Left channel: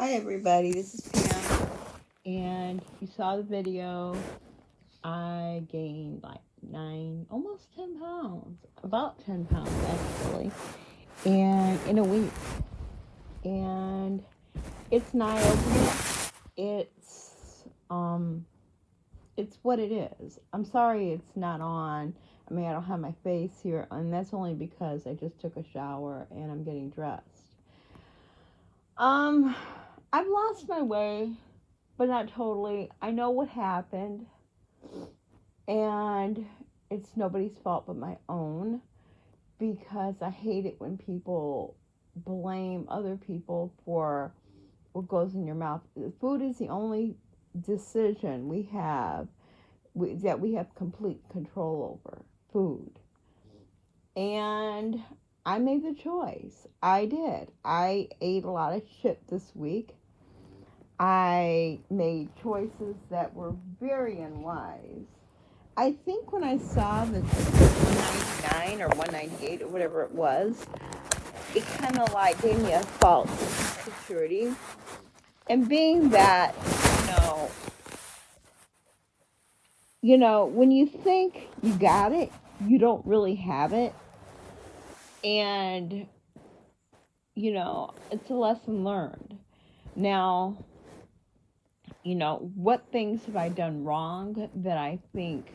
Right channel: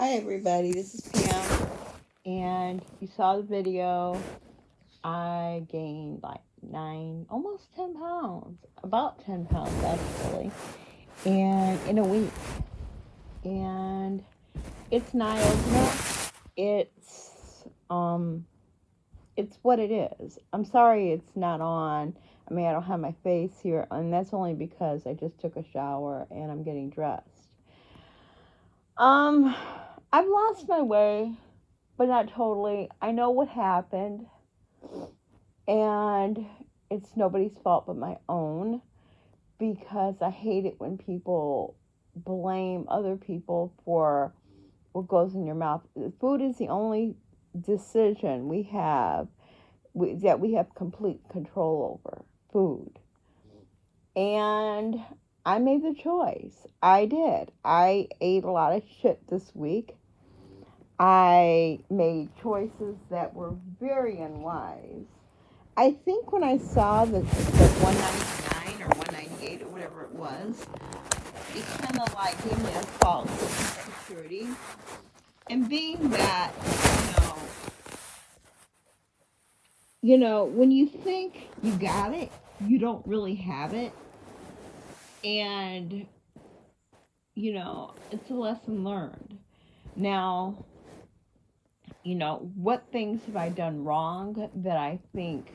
Hi everybody, this is Pam, and you saw the video. I gained like 10 pounds, about 10 pounds actually, and in a week. And it's not opening. It's what it is. I'm sorry it's not on. I mean, I don't have my face here, and that's only because I just took a shower and I'm getting dressed. I've lost my way, but not totally. I know what happened, and it's nobody's fault but my own, because I hate it when people blame other people for what goes in your mouth. Food is the only decision that we have complete control over. Food. And I made the choice. I did. I ate a lot of shit this week. I made choices that were very unwise. I think when I saw the 199 or 198 or whatever it was, it kind of like gave me a false security. And being that, when you think you got it, you don't really have it. And, it's a lesson learned. Now, what things have I done wrong that I think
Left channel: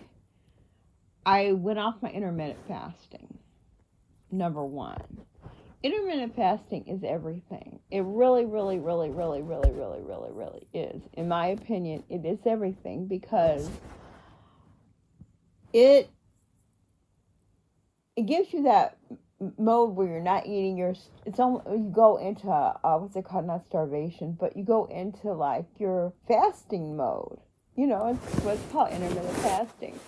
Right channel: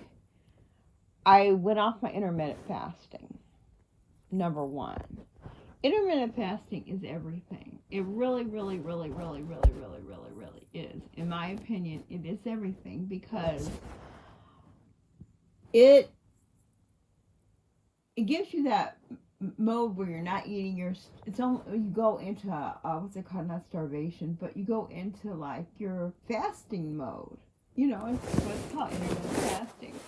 I went off my intermittent fasting? Number one. Intermittent fasting is everything. It really, really, really, really, really, really, really, really is. In my opinion, it is everything, because it gives you that mode where you're not eating you go into what's it called, not starvation, but you go into like your fasting mode. It's what's called intermittent fasting.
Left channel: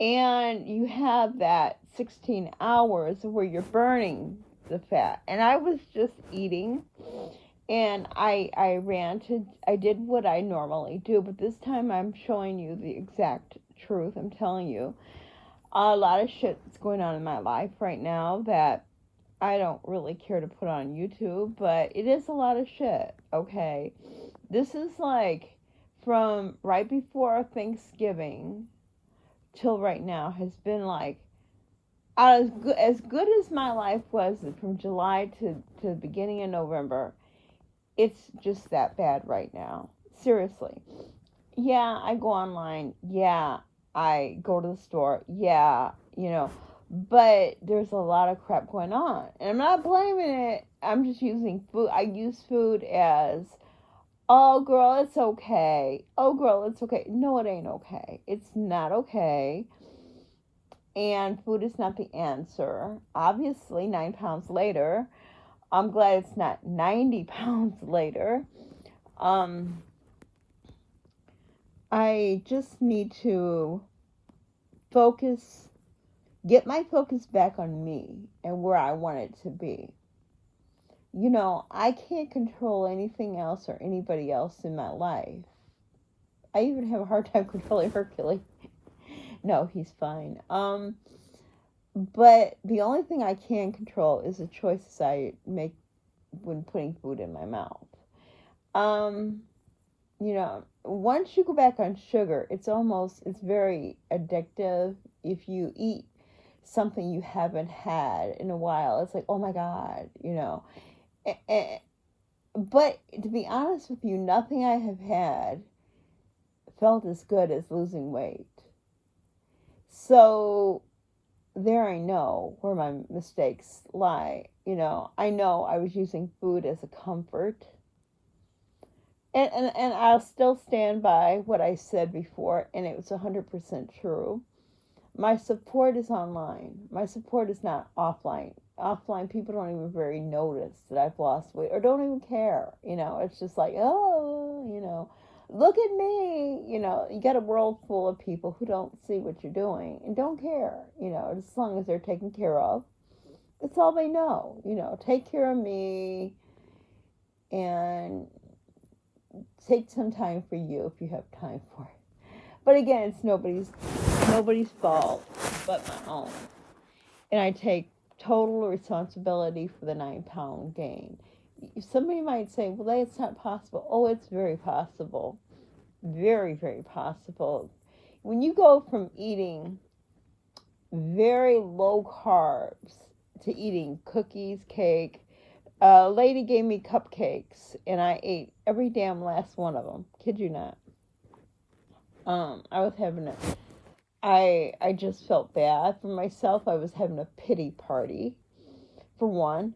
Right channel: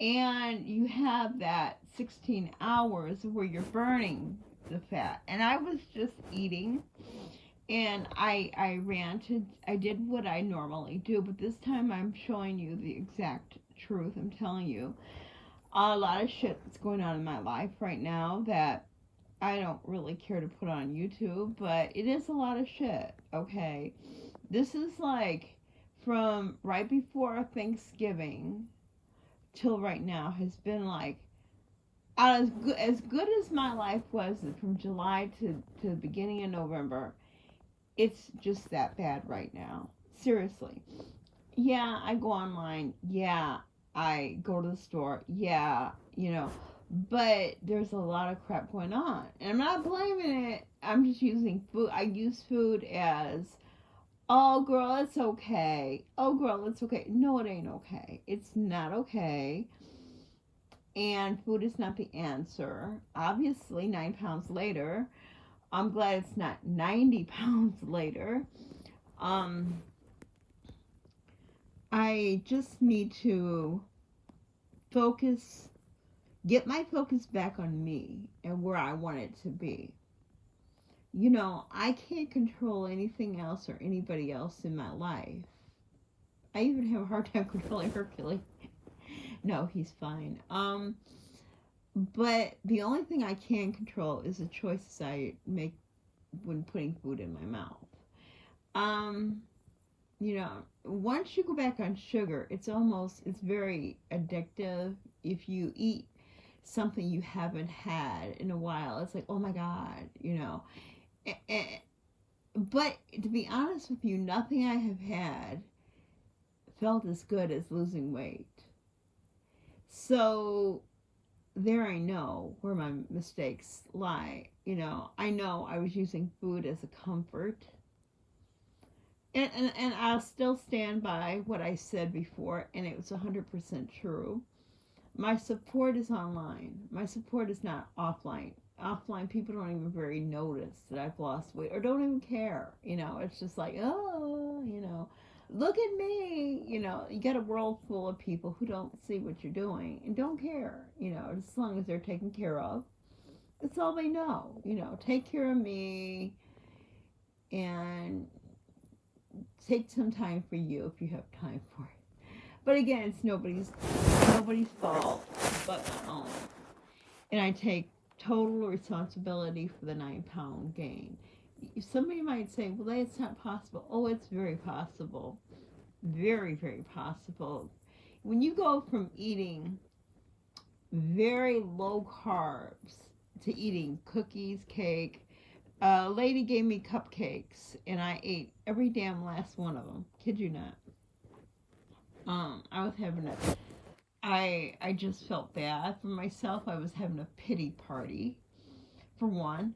And you have that 16 hours where you're burning the fat. And I was just eating, and I did what I normally do, but this time I'm showing you the exact truth. I'm telling you a lot of shit that's going on in my life right now that I don't really care to put on YouTube, but it is a lot of shit, okay? This is like from right before Thanksgiving till right now has been like as good as my life was from July to the beginning of November. It's just that bad right now. Seriously. Yeah, I go online. Yeah, I go to the store. Yeah, but there's a lot of crap going on. And I'm not blaming it. I'm just using food. I use food as, oh, girl, it's okay. Oh, girl, it's okay. No, it ain't okay. It's not okay. And food is not the answer. Obviously, 9 pounds later, I'm glad it's not 90 pounds later. I just need to get my focus back on me and where I want it to be. I can't control anything else or anybody else in my life. I even have a hard time controlling Hercules. No, he's fine. But the only thing I can control is the choices I make when putting food in my mouth. Once you go back on sugar, it's very addictive. If you eat something you haven't had in a while, it's like, oh my God, But to be honest with you, nothing I have had felt as good as losing weight. So there I know where my mistakes lie. I know I was using food as a comfort. And I'll still stand by what I said before, and it was 100% true. My support is online. My support is not offline. Offline, people don't even very notice that I've lost weight or don't even care. It's just like, oh, look at me. You got a world full of people who don't see what you're doing and don't care. As long as they're taken care of. That's all they know. Take care of me and take some time for you if you have time for it. But again, it's nobody's fault but my own. And I take total responsibility for the 9-pound gain. somebody might say, well, that's not possible. Oh, it's very possible. Very, very possible. When you go from eating very low carbs to eating cookies, cake. A lady gave me cupcakes, and I ate every damn last one of them. Kid you not. I was having a, I just felt bad for myself. I was having a pity party, for one,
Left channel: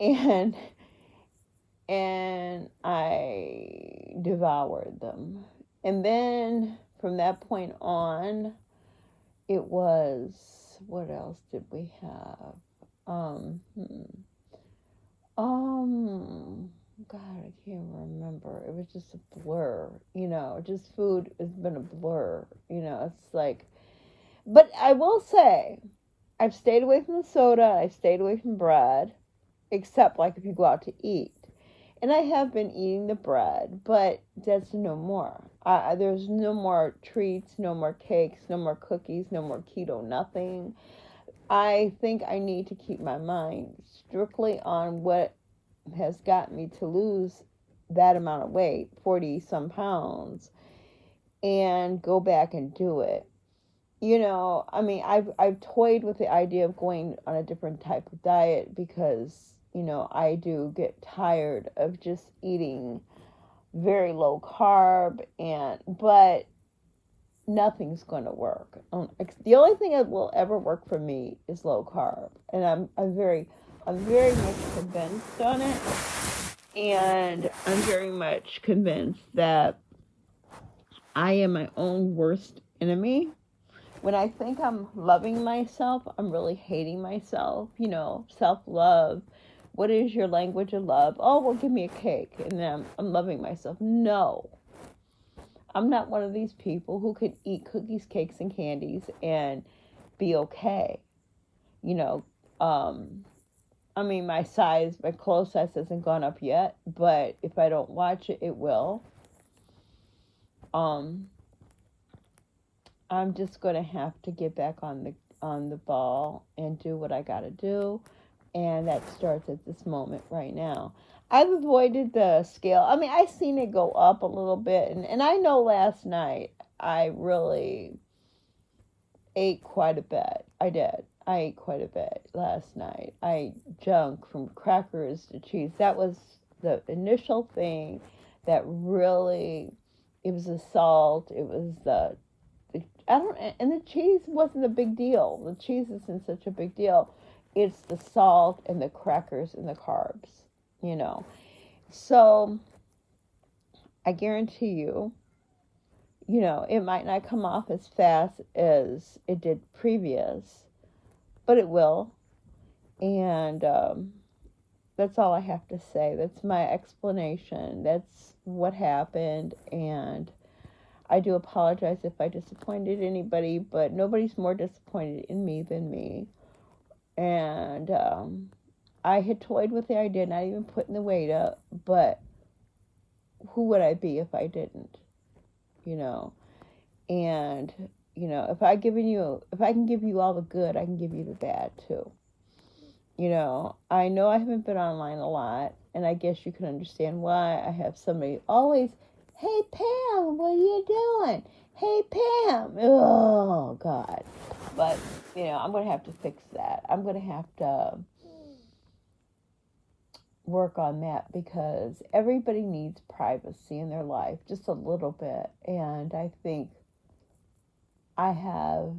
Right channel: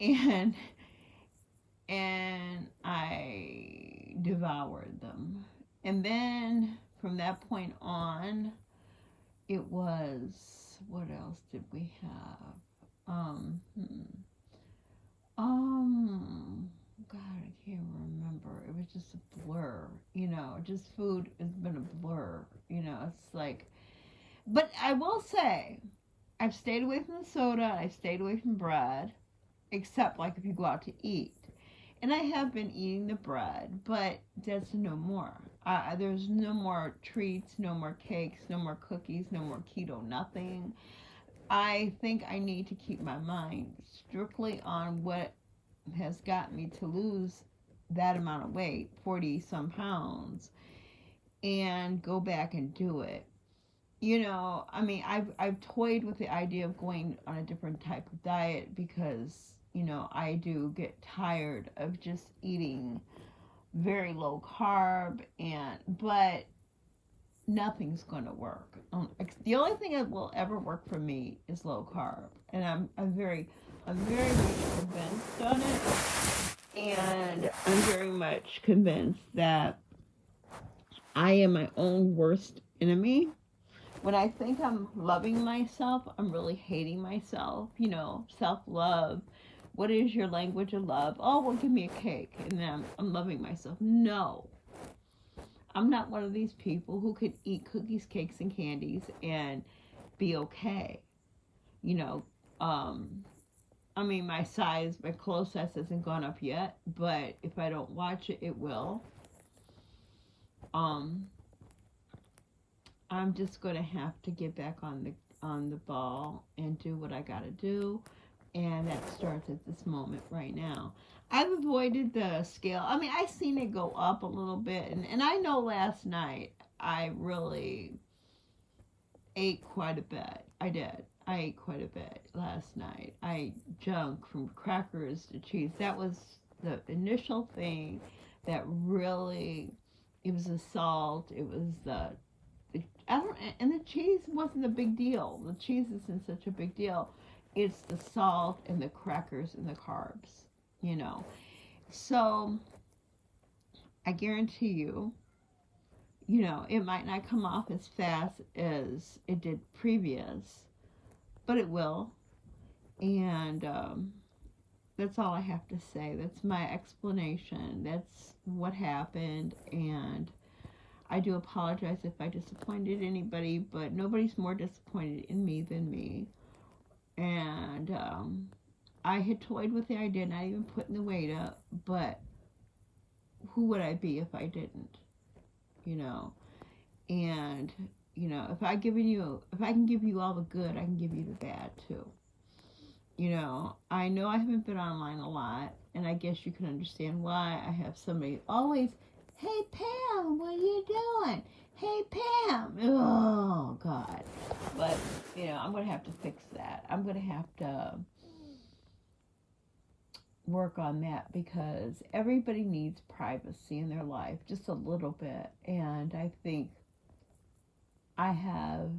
and I devoured them. And then from that point on, it was, what else did we have? Um, hmm. God, I can't remember. It was just a blur, just food has been a blur, it's like, but I will say, I've stayed away from the soda, I've stayed away from bread, except like if you go out to eat. And I have been eating the bread, but that's no more. There's no more treats, no more cakes, no more cookies, no more keto, nothing. I think I need to keep my mind strictly on what has gotten me to lose that amount of weight, 40 some pounds, and go back and do it. I mean, I've toyed with the idea of going on a different type of diet because, I do get tired of just eating very low carb, but nothing's going to work. The only thing that will ever work for me is low carb, and I'm very much convinced on it, and I'm very much convinced that I am my own worst enemy. When I think I'm loving myself, I'm really hating myself. Self-love. What is your language of love? Oh, well, give me a cake, and then I'm loving myself. No. I'm not one of these people who could eat cookies, cakes, and candies and be okay. I mean, my clothes size hasn't gone up yet, but if I don't watch it, it will. I'm just going to have to get back on the ball and do what I got to do, and that starts at this moment right now. I've avoided the scale. I mean, I've seen it go up a little bit, and I know last night I really ate quite a bit. I did. I ate quite a bit last night. I ate junk from crackers to cheese. That was the initial thing that really, it was the salt, it was and the cheese wasn't a big deal. The cheese isn't such a big deal. It's the salt and the crackers and the carbs, So I guarantee you, it might not come off as fast as it did previous, but it will. And that's all I have to say. That's my explanation. That's what happened. And I do apologize if I disappointed anybody, but nobody's more disappointed in me than me. And I had toyed with the idea, not even putting the weight up, but who would I be if I didn't? And if I can give you all the good, I can give you the bad too. I know I haven't been online a lot, and I guess you can understand why. I have somebody always, hey Pam, what are you doing? Hey Pam. Oh God. But I'm gonna have to fix that. I'm gonna have to work on that because everybody needs privacy in their life, just a little bit. And I think I have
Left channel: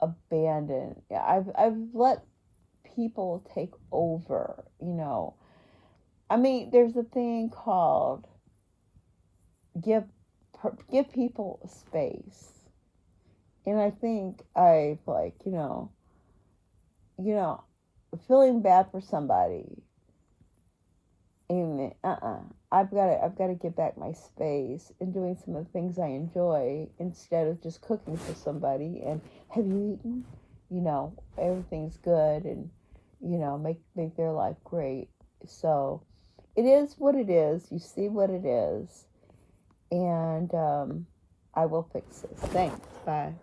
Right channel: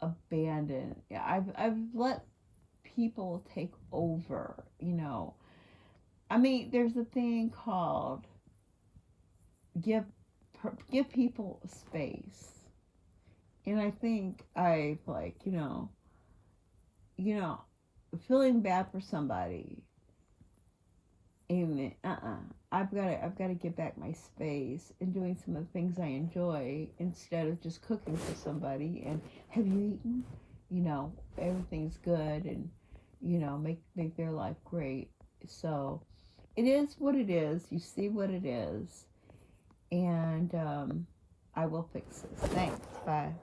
abandoned. I've let people take over. I mean, there's a thing called give people space, and I think I've feeling bad for somebody. Amen. I've got to get back my space and doing some of the things I enjoy instead of just cooking for somebody and have you eaten? Everything's good and make their life great. So it is what it is. You see what it is, and I will fix this. Thanks. Bye.